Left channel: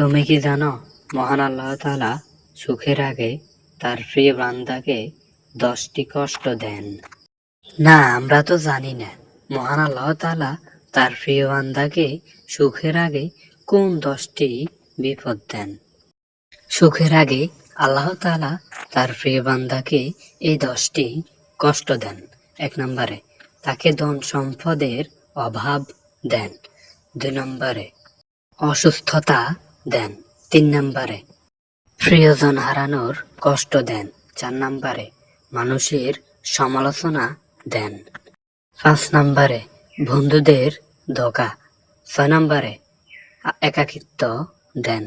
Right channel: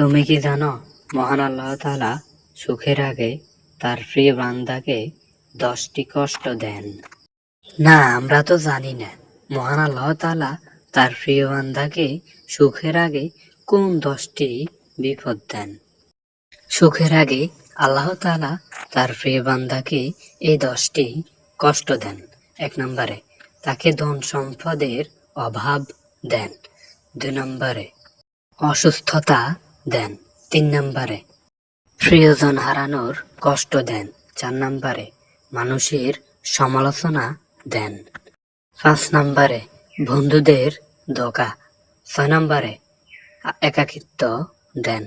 তুমি কি জানো মহান আল্লাহ তাআলা সুখের আগে তার প্রিয় বান্দাকে 10টি কষ্ট দেন? না, আমরা তো জানি না মহান আল্লাহ তাআলা তার প্রিয় বান্দাকে সুখের আগে কোন 10টি বিপদ দেন। সুখের আগে আল্লাহ তাআলা তার প্রিয় বান্দাকে এই 10টি কষ্ট দেন। 1 নম্বরে তাকে ধন সম্পদের অভাব দেন। 2 নম্বরে অসুস্থতা দেন। 3 নম্বরে প্রিয়জন হারানোর কষ্ট দেন। 4 নম্বরে মানুষের সমালোচনা দেন। 5 নম্বরে বন্ধুদের ধোঁকা। 6 নম্বরে একাকিত্ব দেন।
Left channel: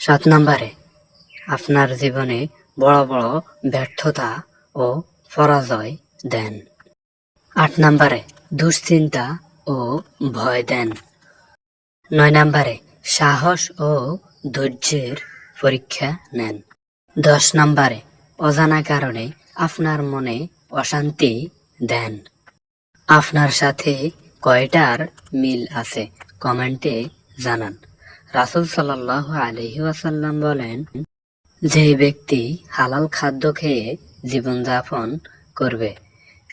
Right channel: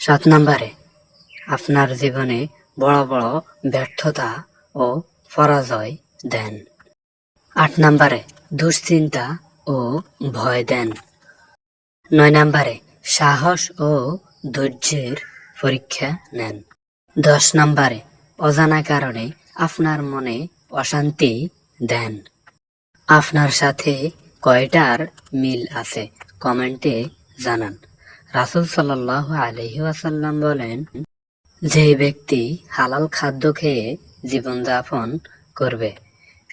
7 নম্বরে আপনার জীবনে বড় বড় ব্যর্থতা ও পরাজয় দেন। 8 নম্বরে দুশ্চিন্তা ও ভয় দেন। 9 নম্বরে সাহস ও ধৈর্যের পরীক্ষা নেন। 10 নম্বরে অজানা কারণে আপনার মনে অশান্তি দেন। আপনার সাথে কয়টার মিল আছে কমেন্টে জানান। রাসূল সাল্লাল্লাহু আলাইহি ওয়াসাল্লাম বলেন, যে ব্যক্তি হালাল খাদ্য খেয়ে জীবনযাপন করবে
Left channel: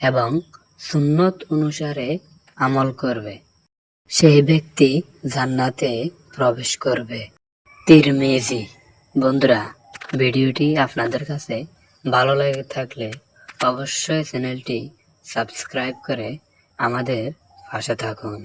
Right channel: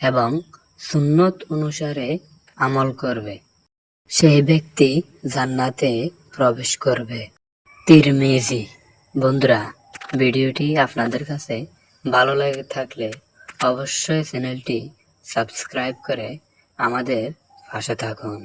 এবং সুন্নত অনুসারে আমল করবে, সেই ব্যক্তি জান্নাতে প্রবেশ করবে। তিরমিজি। বন্ধুরা, ভিডিওটি আপনাদের কাছে ভালো লাগে থাকলে অবশ্যই চ্যানেলটি সাবস্ক্রাইব করে আমাদের পাশে থাকুন।